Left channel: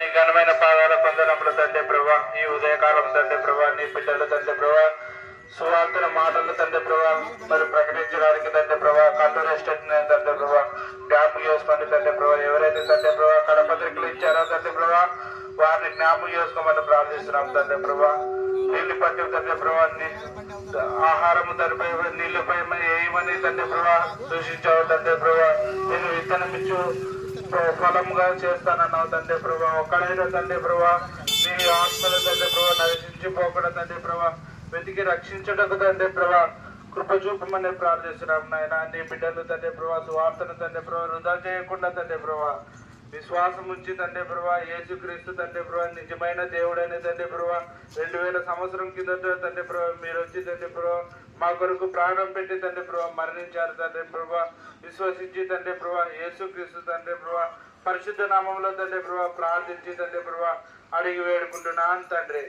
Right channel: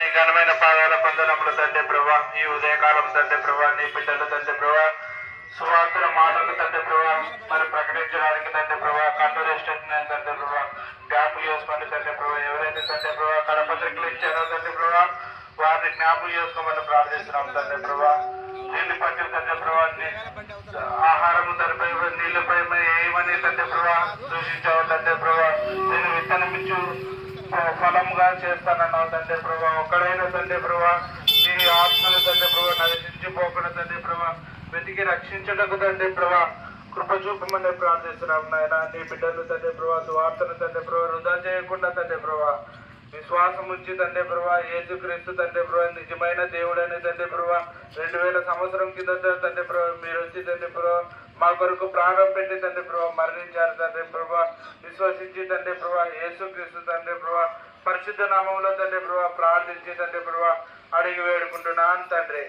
నీ ఘనమైన పాదాల పొందనములు తండ్రి ప్రభా, ఈ ఉదయకాలం తండ్రి ప్రభా, నీ బిడ్డలు తండ్రి ప్రభా, సువార్తల మాటలు తండ్రి ప్రభా మరి ప్రకటించడానికి తండ్రి ప్రభా, కళ్ళు రెస్ట్ తండ్రి ప్రభా, జ్ఞాపకం చేసుకోండి తండ్రి ప్రభా. ఎవరైతే తండ్రి ప్రభా కరపత్రికలు ఇచ్చారో తండ్రి ప్రభా, వారిని జ్ఞాపకం చేసుకోమని ప్రార్థిస్తున్నాం తండ్రి ప్రభా. నీళ్లు పట్టి తండ్రి ప్రభా, ఆహారము తండ్రి నీళ్లపై ఏమని తండ్రి ప్రభా దూషించావు తండ్రి ప్రభా. నేను విత్తనమిచ్చు ఫలంగా చేస్తానన్నావు తండ్రి ప్రభా. ఒక్కడైనా తండ్రి ప్రభా నీ ఆత్మలు తండ్రి ప్రభా నశించిపోకుండా తండ్రి ప్రభా వెతికి రక్షించటకు తండ్రి ప్రభా కృప చూపమని ప్రార్థిస్తున్నాం నాయన. నీ బిడ్డలు తండ్రి ప్రభా సువార్తను తండ్రి ప్రభా వృధా చేయకుండా తండ్రి ప్రభా విశ్వాసం ఉంచి తండ్రి ప్రభా యేసుక్రీస్తు తండ్రి ప్రభా నిజమైన దేవుడని తండ్రి ప్రభా 2000 సంవత్సరం కిందట తండ్రి ప్రభా మీరు వచ్చి తండ్రి ప్రభా మా కొరకు ప్రాణం పెట్టి తండ్రి ప్రభా మరణించారు తండ్రి ప్రభా. విశ్వసించి తండ్రి ప్రభా యేసుక్రీస్తు తండ్రి ప్రభా పరిశుద్ధ నామంలో తండ్రి ప్రభా ప్రార్థించి తండ్రి ప్రభా అడిగి వేడుకుంటున్నాను తండ్రి.